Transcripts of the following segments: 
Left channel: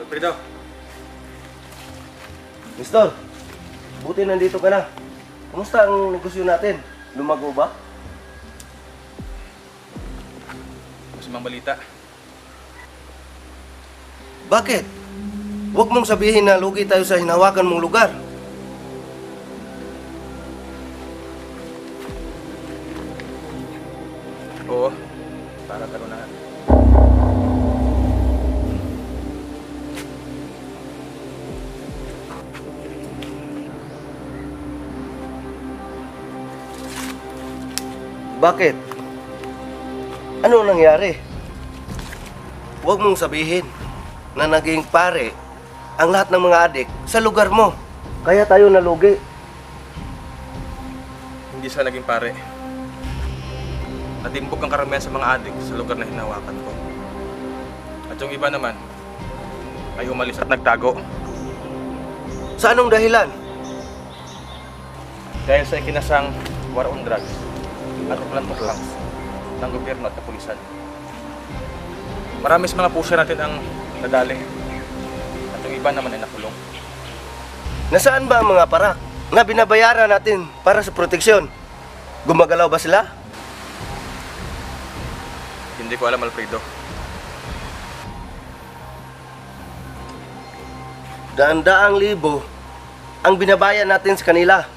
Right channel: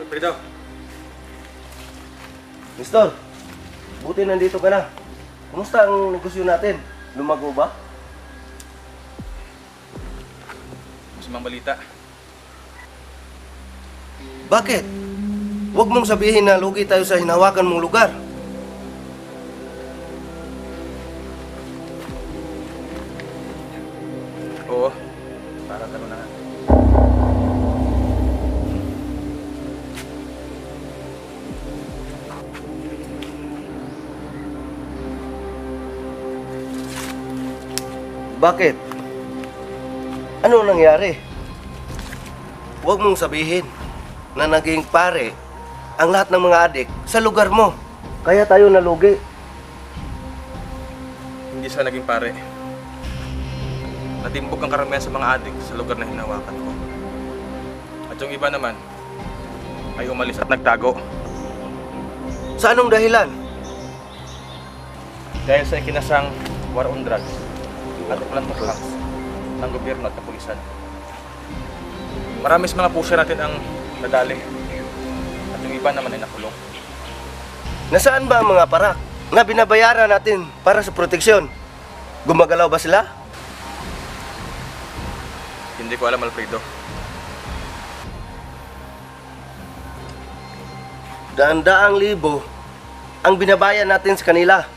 Alfredo, Mister, buti nandito ka na. Kumusta ang negosyo natin? Lumago ba? masamang balita. Bakit? Huwag mong sabihin na lugi tayo sa hinawakan mong lugar. Oo, para gano'n na nga. Bakit? Ano nangyari? Huwag mong sabihin na naging pare ang lahat ng mga adik sa lugar mo. Kaya tayo nalugi. Hindi sila naging pare. Natimbog ang karamihan sa mga adik sa lugar na hinawakan ko. At yung iba naman ay umalis at nagtago. Sa anong dahilan? Dahil sa ikinasang war on drugs at walang tuklaks ng gobyerno at kapulisan. Marami sa mga pusher natin ang nadali. At yung iba naman ay nakulong. Nasaan ba ang mga parak na binabayaran natin para sa proteksyon? Gumagalaw ba sila? Hindi ko alam, Alfredo. Daan-daang libo ang binabayan natin sa kanila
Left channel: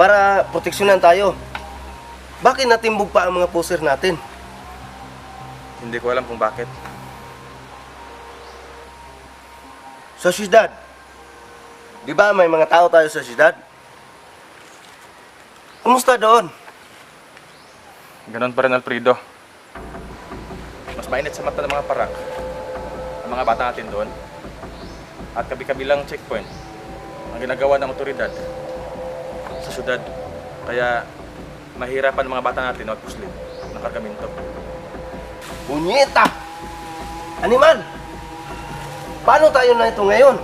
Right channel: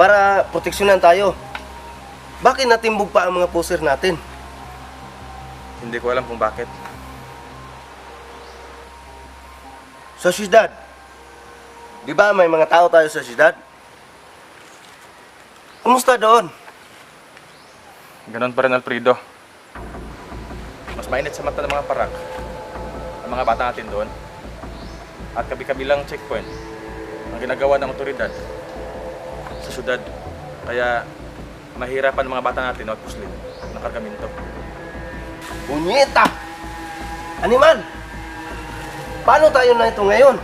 para proteksyonan tayo. Bakit natimbog pa ang mga poser natin? Hindi ko alam kung bakit. Sa syudad, di ba may mga tao tayo sa syudad? Kumusta doon? Ganon pa rin, Alfredo. Mas mainit sa mata ng mga parak ang mga bata natin doon. At kabi-kabilang checkpoint ang ginagawa ng otoridad sa syudad. Kaya mahirapan ang mga bata natin magpuslit ng kargamento. Punyeta! Animal! Paano tayo na ito ngayon?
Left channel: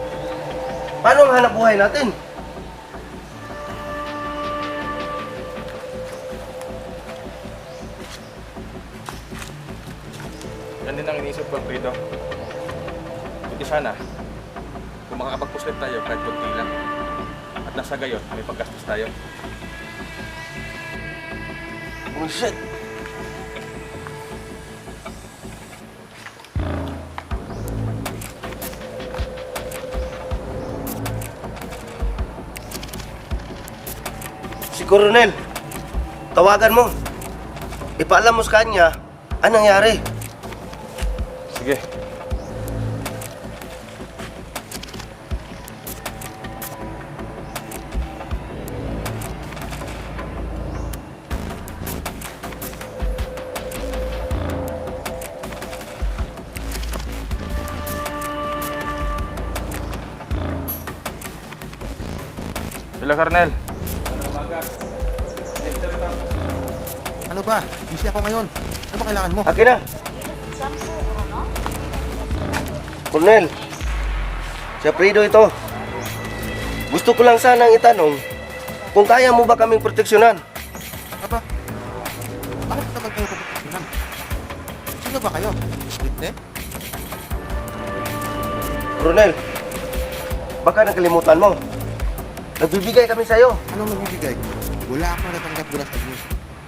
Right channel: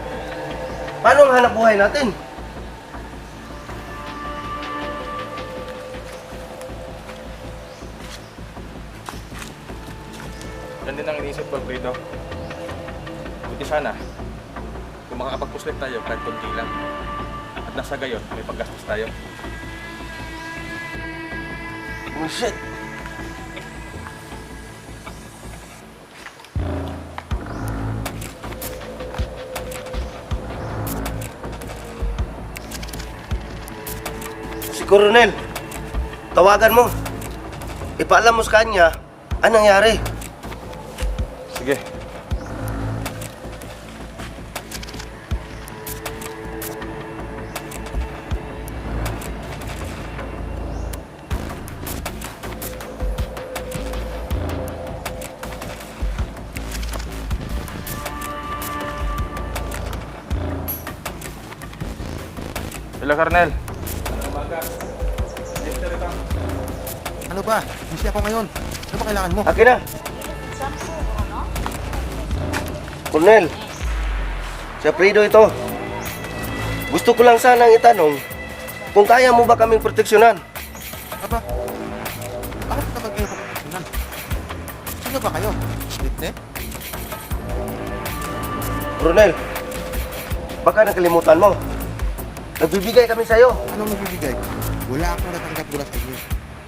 Paano ang hanap buhay natin? Yan din ang iniisip ko, Alfredo. Buti sana kung makakapagpuslit tayo kahit konti lang. At nasa gayon, may paggastos tayo. Bullshit! Si Coronel, tawagan mo. Ipaalam mo sa kanya anong nangyari. Sige. Hello, Colonel. Ano ba? Busy ako ngayon. Ano ba kailangan mo? Akin na. Coronel, si Alfredo ito. Gusto ko lang sanang itanong kung kaya mo ba kaming proteksyonan. Aba, bakit naman kayo pupuntunan? Sino ba kayo? Witness? Coronel, baka nakalimutan mo. Nagbibigay kami sa'yo. Anong magbibigay? Wala akong natanggap mula sa inyo.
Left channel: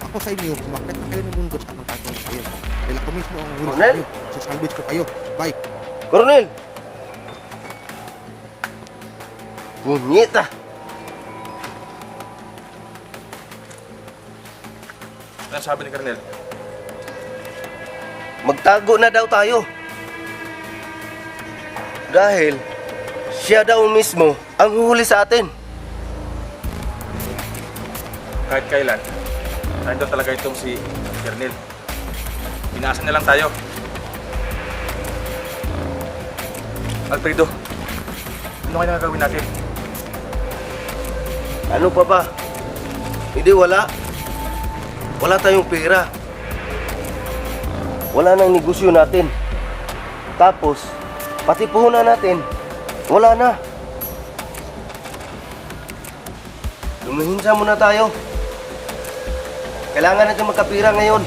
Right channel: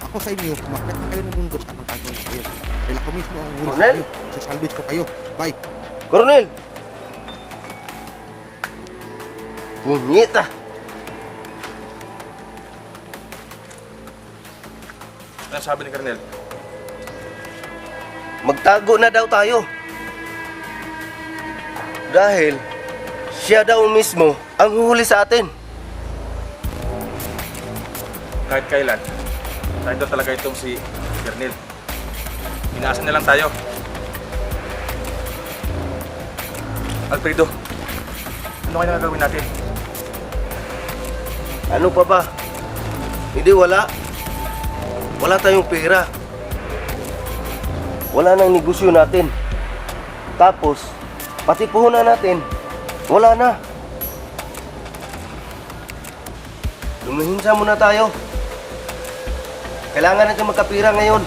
Ako sa inyo, kumakit na kayo ng mundo sa anong gagawin sa kayo. Dahil ako mismo ang huli sa Coronel? inyo. Sasalvage ko kayo. Bye. Coronel! Punyeta! Ano sabi ni Colonel? Magtago na daw tayo. Dahil siya daw mismo ang huhuli sa atin. Kahit kailan, tayo talaga itong si Colonel. Inaasa na lang tayo. Alfredo, ano kaya gagawin natin? Ano pa ba? Hindi wala. Wala tayong pera. Wala nang negosyo natin. Tapos, Pati puhunan natin, wala na. Lumihinsa muna tayo. Kailangan natin magkapira ngayon.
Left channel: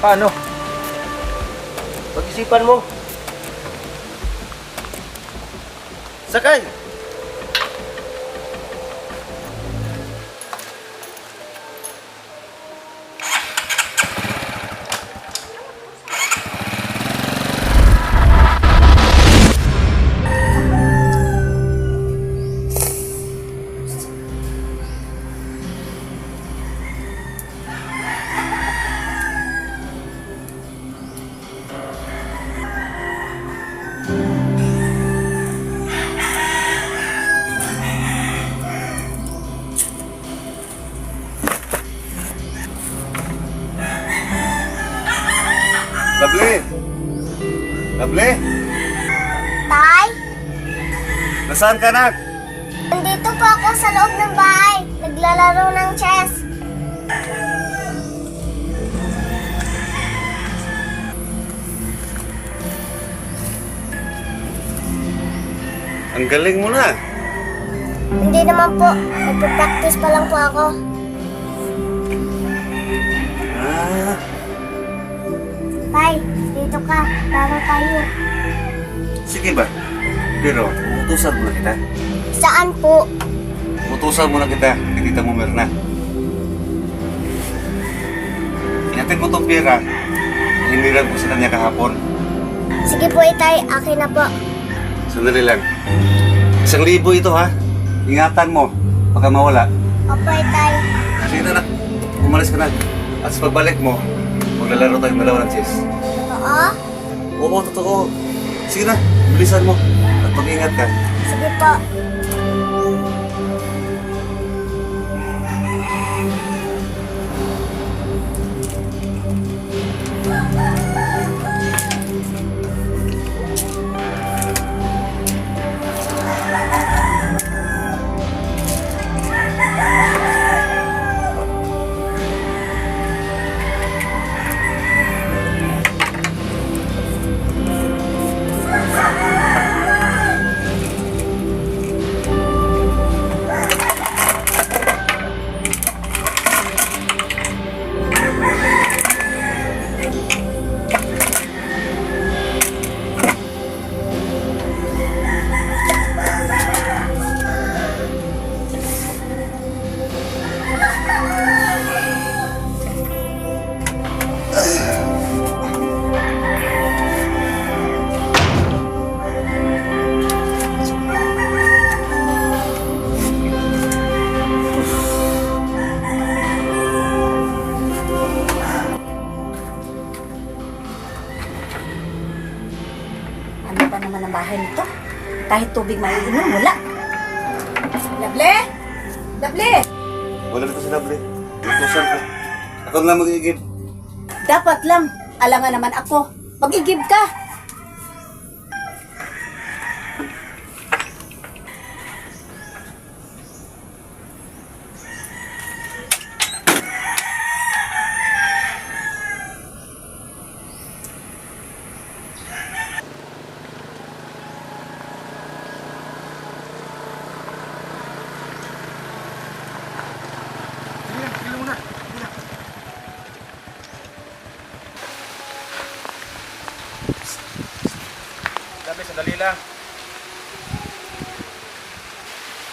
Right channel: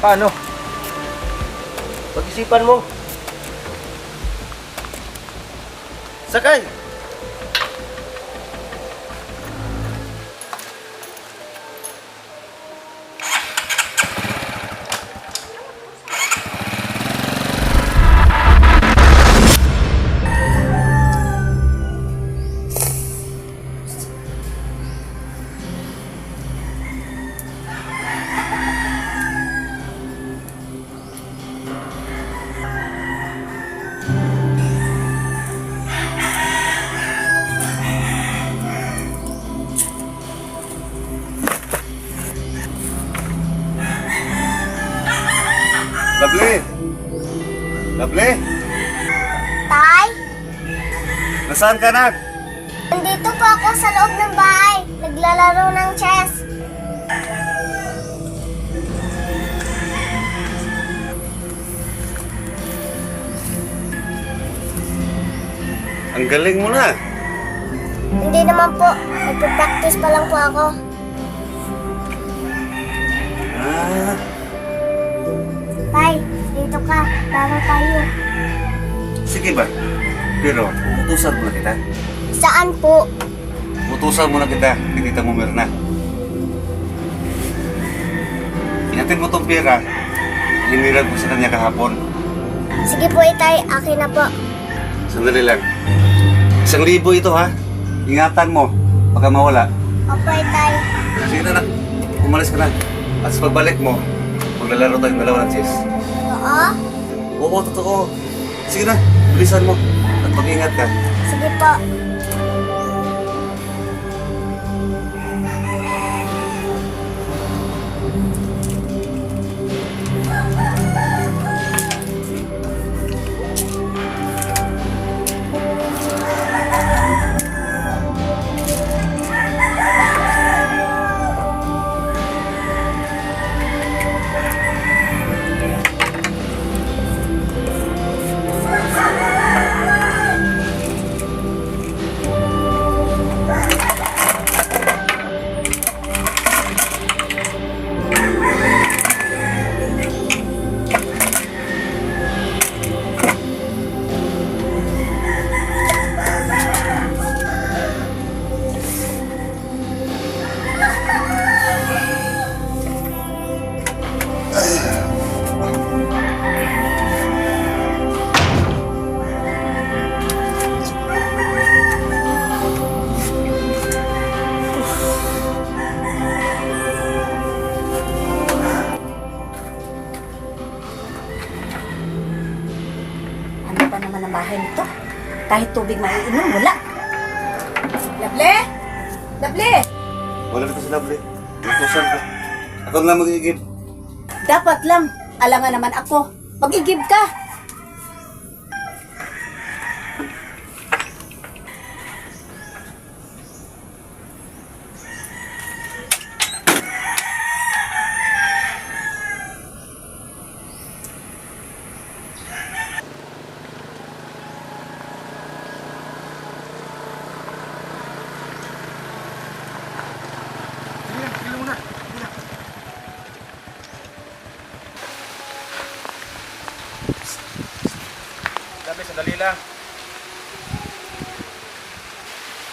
Paano? Pag-isipan mo. Sakay! Lovely! Lovely! Tay, Nasaan ka na? nandito po ako sa loob ng bahay. Naglalaro ng chess. Ang galing mo na. Hindi naman po. Nagpa-practice pa lang po ako. Ah, Tay, dito ka. Laro tayo. sige ba? Pero, utusan mo na kita. Saan po? Utusan mo na kita, kay Tita mo Mirna. Inatin mo tong pera. Hiniram ko sa kanya kahapon. Sige po, itay. Akin na po. Sandali lang. 1,000 ito ha. Ingatan mo, baka mawala. Opo, itay. Sige na, umalis ka na. At sa pagbalik mo, maglalaro tayong dalawa ng chess. Oo? Oo, totoo. Sige na, bilisan mo. At mag-ingat ka. Sige po. Ano ba naman ang bahay nito? Kahit tubig maiinom, wala. Lable! Lable! Wala dito si Lovely. Utusan ko. Ako na lang mag-iigib. Dapat lang. Alangan naman ako. Mag-igib ka. Sabi, sandali lang.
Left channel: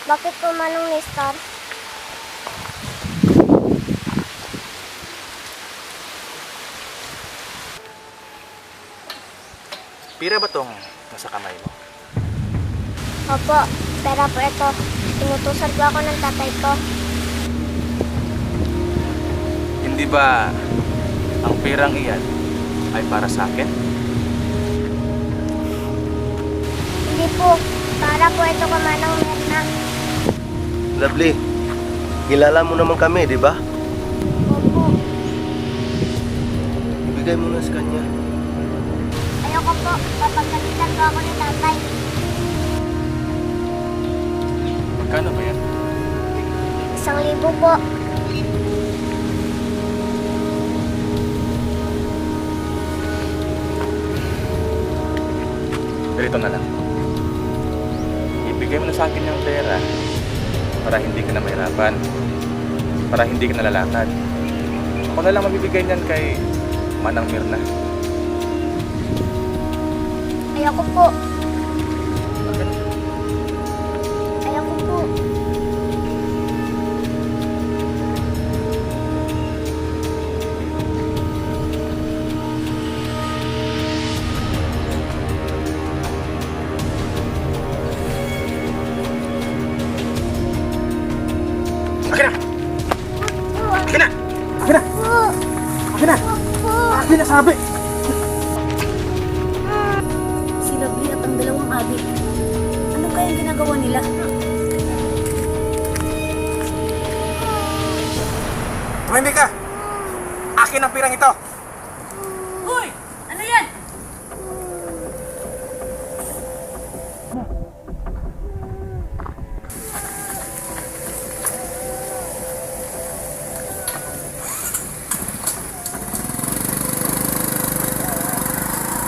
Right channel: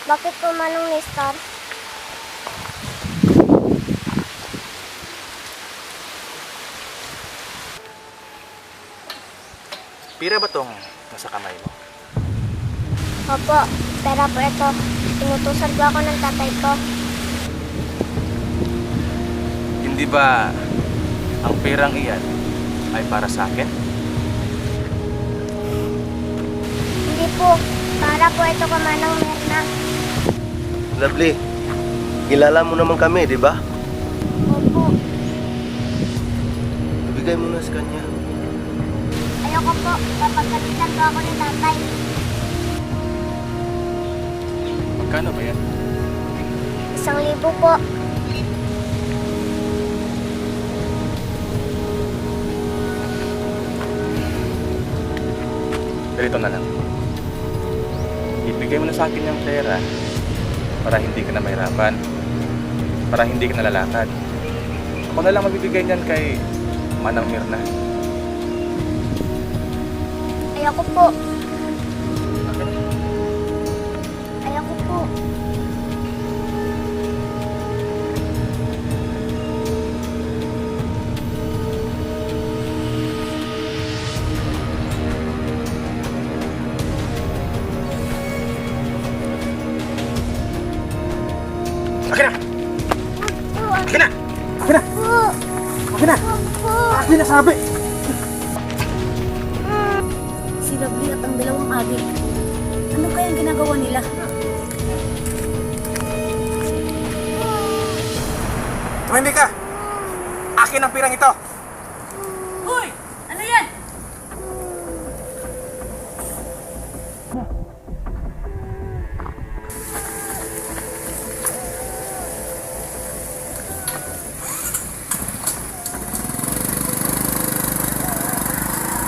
Bakit po Manong Nestor? Pira ba tong nasa kamay mo? Opo, pera po ito. Inutusan po ako ng tatay ko. Hindi ba ang pirang iyan ay para sa akin? Hindi po. Para po ito kay Manong Mirna. Lovely, kilala mo naman kami, di ba? Opo. Ibigay mo na sa kanya. Ayoko po. Papagalitan po ako ni tatay. Magkano ba yan? 1,000 po. ganito na lang. Ibigay mo na sa akin yung pera para hindi ka na mahirapan, para hindi ka nalalakad. Ako na lang mabibigay niyan kay Manang Mirna. Ayoko po. Ayoko po. Akin na! Akin na! Akin na! Akin na! Akin na sabi! Si Lovely at ang dalawang adik. Ano kayang ginagawa nila? Tumimik ka! Akin ang pirang ito! Hoy! Ano yan?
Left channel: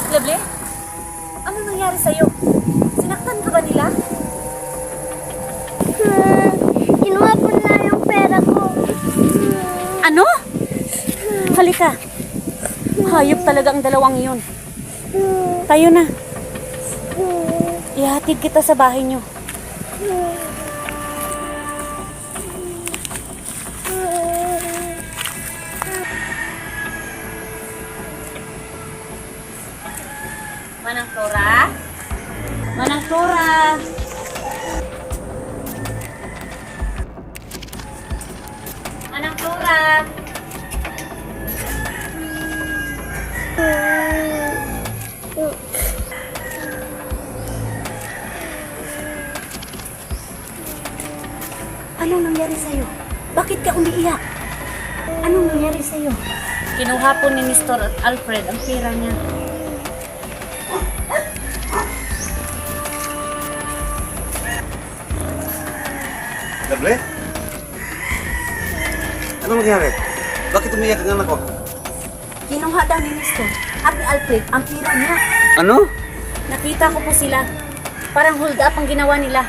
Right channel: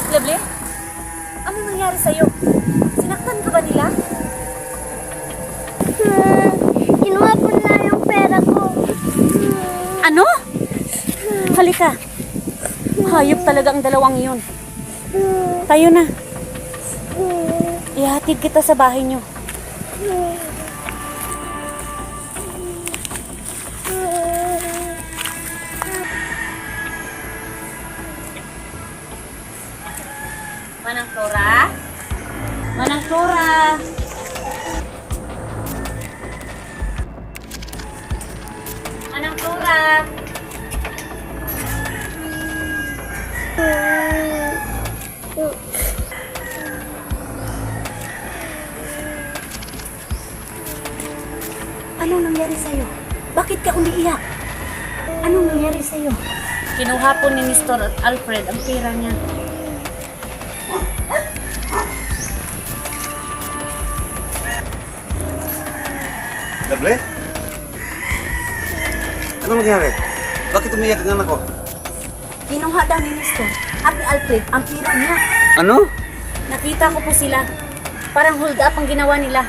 Lovely? Ano nangyari sa'yo? Sinaktan ka ba nila? Kinuha po na yung pera ko. Ano? Halika. Hayop talaga ang dalawang yun. Tayo na. Ihatid kita sa bahay niyo. Manang Flora? Manang Flora! Manang Flora! Anong nangyari sa'yo? Bakit ka umiiyak? Anong nangyari sa'yo? Kinuha po ni Mr. Alfred ang pera niya. Lovely? Ano nangyari? Bakit umiyak ang anak ko? Kinuha daw ni Mr. at ni Alfred ang pera niya. Ano? Nakita ko po sila. Parang hold up ang ginawa nila.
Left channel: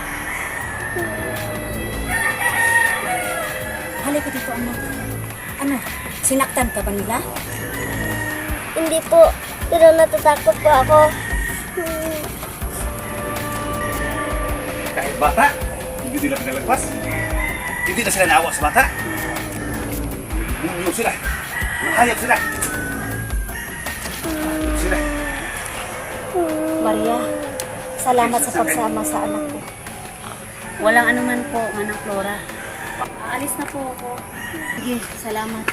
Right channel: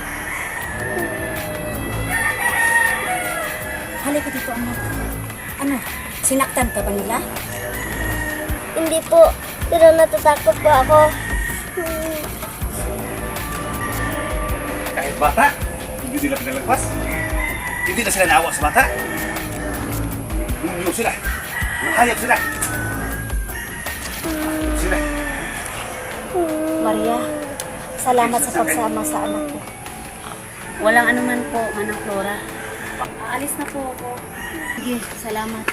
Halika dito, anak. Ano? Sinaktan ka ba nila? Hindi po. Pero natatakot po ako. Kahit bata, hindi nila pinalagpas. Hindi na sila naawa sa bata. Bumulong sila. Mahayap sila. Mahayap sila. Maria, salamat sa pagsama sa anak ko. Walang anuman po, Manang Flora. Aalis na po ako. Sige, salamat.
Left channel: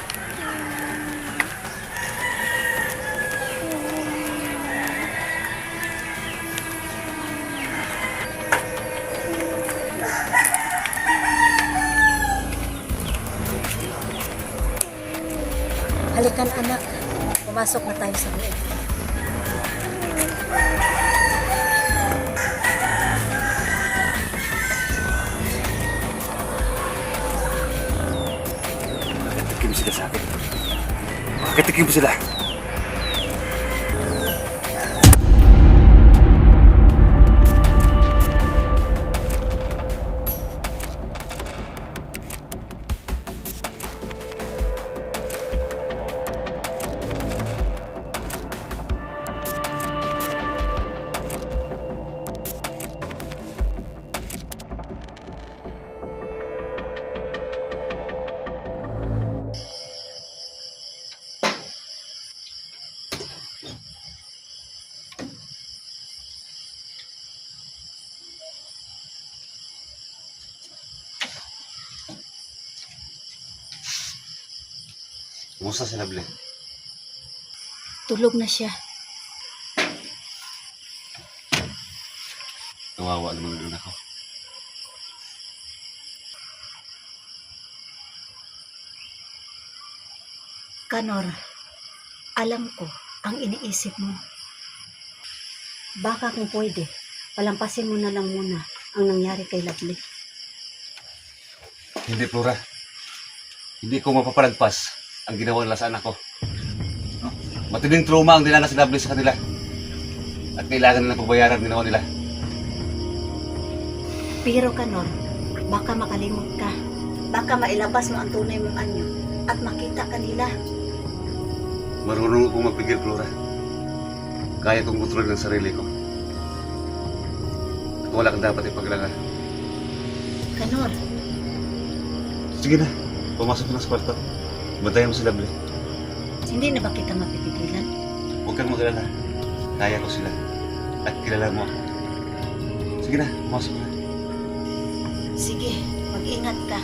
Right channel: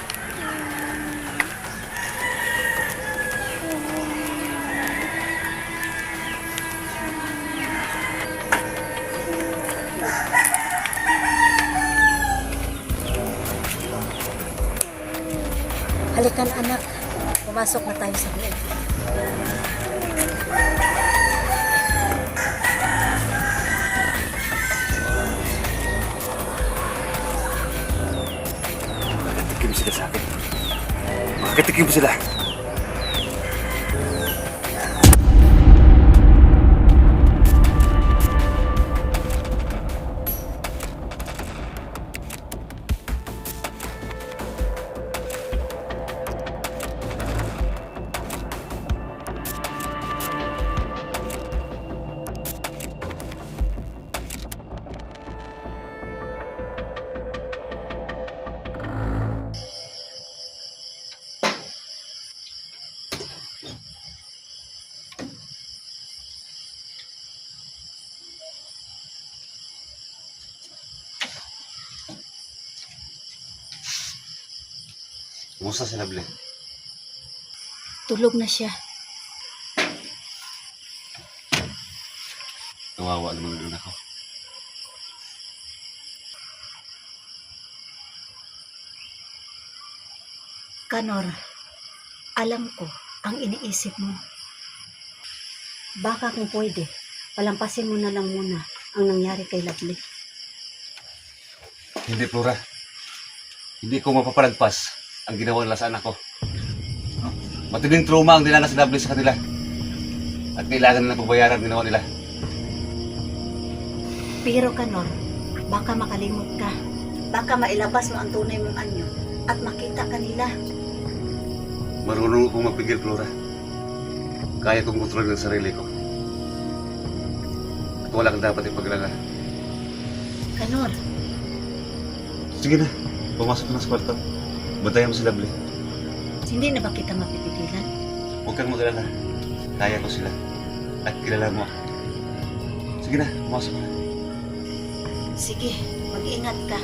Halikan anak, pumasok na tayo sa loob. Bakit tikim sila sa akin? Bakit tikim sila? Kumusta si Lovely? Tulog na siya. Kawawa naman ang anak ko. Kanor, alam ko ang iniisip mo. Baka kung pwede, palampasin mo na lang muna ang nangyari kay Lovely. Hindi, Flora. Hindi ko mapapalagpas ang ginawa nila sa anak ko. Matinding trauma ang dinanas ni Lovely sa kanila. At kailangan nilang pabayaran ginawa nila. Pero Kanor, baka makalimot ka. Baka mailabas mo ang tunay mong anyo at makita kanila. Marunong akong magpigil, Flora. Kaya kong kontrolin ang sarili ko. At wala kang dapat ipaglaga. Kanor, Sige na, pumasok na sa kwarto. Bantayan mo si Lovely. hindi na ba kita mapipigilan? Huwag kang mag-alala. Kaya ko sila. At kilala mo ako. Sige na, pumasok na. Sige, mag-ingat ka.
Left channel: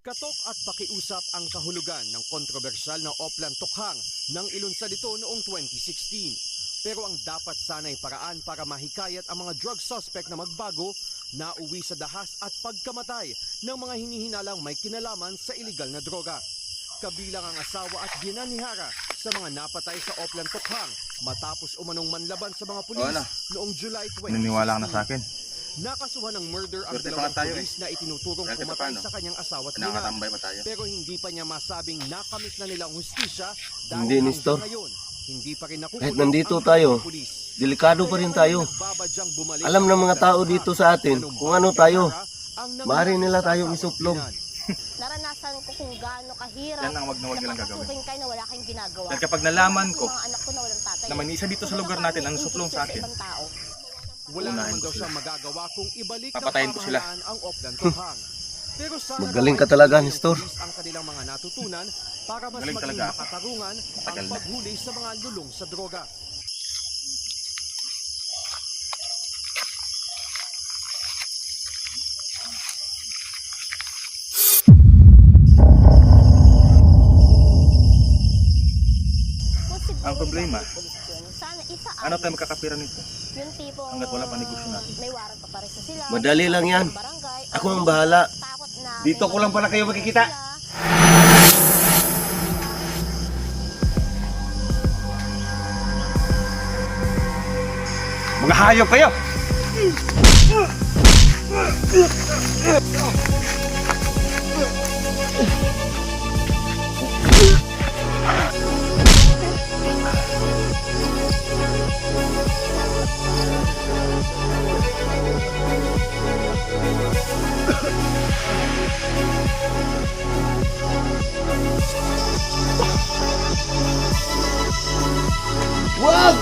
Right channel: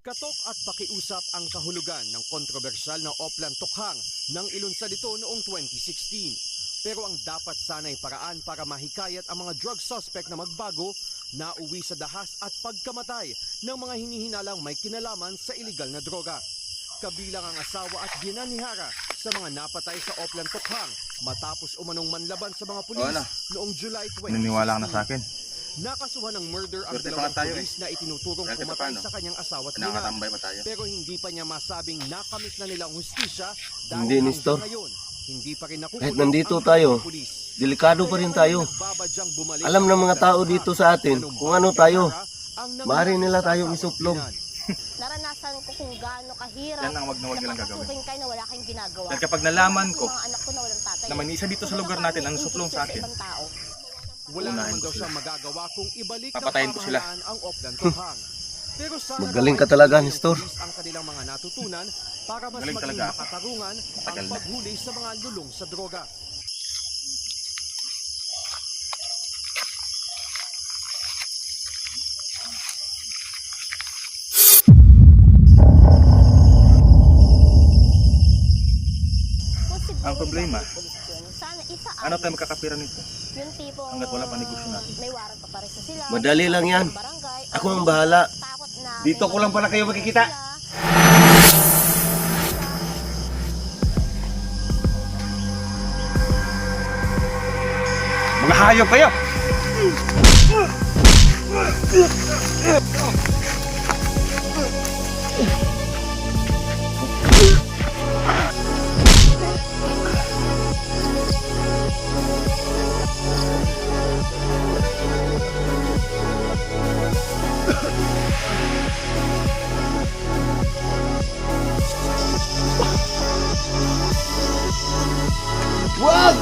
Katok at pakiusap ang kahulugan ng kontrobersyal na Oplan Tokhang nang ilunsad ito noong 2016. Pero ang dapat sana'y paraan para mahikayat ang mga drug suspect na magbago, nauwi sa dahas at pagkamatay ng mga hinihinalang may kinalaman sa iligal na droga. Kabilang ang asawa at ginanihara sa mga napatay sa Oplan Tokhang matapos umanong manlaban sa mga pulis noong July 2016. Naniniwala ka na sa akin. Nakasuhan ng murder ang Swerte dalawang pa tayo pulis na itinuturong Swerte pumatay paano? sa kanyang asawa at ina. Nakakatambay pa tayo. Pero hindi pa niya masabing nakamit na nila ang hustisya dahil Hindi, Nestor. hanggang ngayon, hindi pa rin nakukulong Kahit nandito ang tayo, dalawang pulis. Delikado pa rin tayo. Nagbabadyang bumalik Alam ng mga ang tao Oplan dito Tokhang. sa atin Anong kung ano bakit tayo. ang nangyari Maaari nila sa tayong asawa at isuplong. ina. Naranasan ko kung gaano kahirap. Yan ang wag na wag nilang gagawin. Napapasukin kayo na wala kayong ginagawa. Dahil kapag nalaman ko Mga anak ko na walang tatay. na may isa dito sa lugar natin ang suplong sa akin, Ibang tao. Wala Unahin naman ko daw sila. siyang magagawa kung ibalik Papatayin ng ko sila. pamahalaan ang Oplan Tokhang. Pero sana Magaling daw ka ay talaga, tuloy ng Nestor. pulis ang kanilang mga natutunan para mas Galing maging talaga ako. makatarungan Matagal ang na. paghuli sa mga lulong sa droga. Kung siguro Ang problema, yung pulis yun, sana isaayos. ano tayo magkakapira nito? Yung tipong hanggat wala pa negosyo natin? may warrant pa pares na sila. Madali lang yan. Barangay, Ako ang bahala. takot na Dito may ko lang pala kayo makikita. sila. Mga hayop kayo! Wag!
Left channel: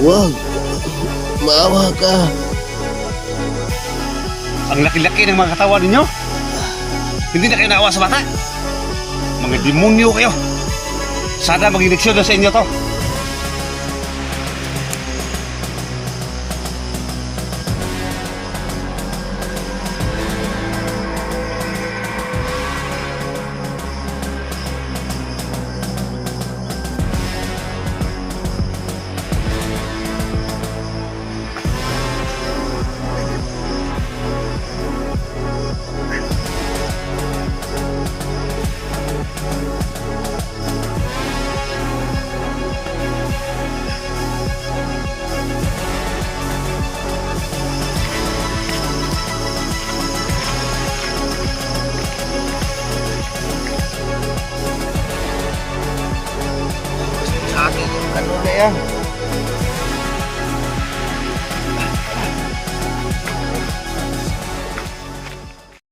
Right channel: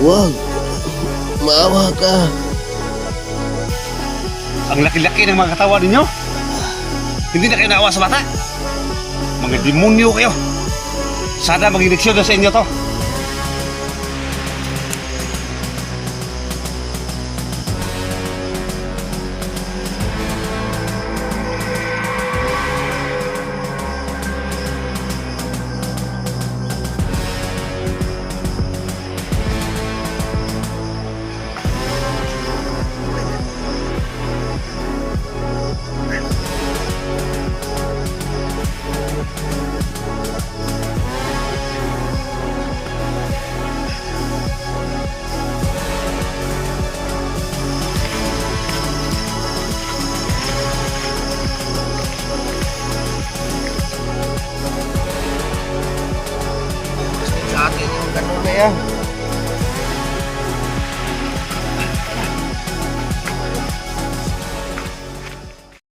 Wag! Maawa ka! Ang laki-laki ng mga katawan ninyo. Hindi na kayo naawa sa bata. Mga demonyo kayo. Sana maging leksyon na sa inyo to. Sa atin yung kanon na yan.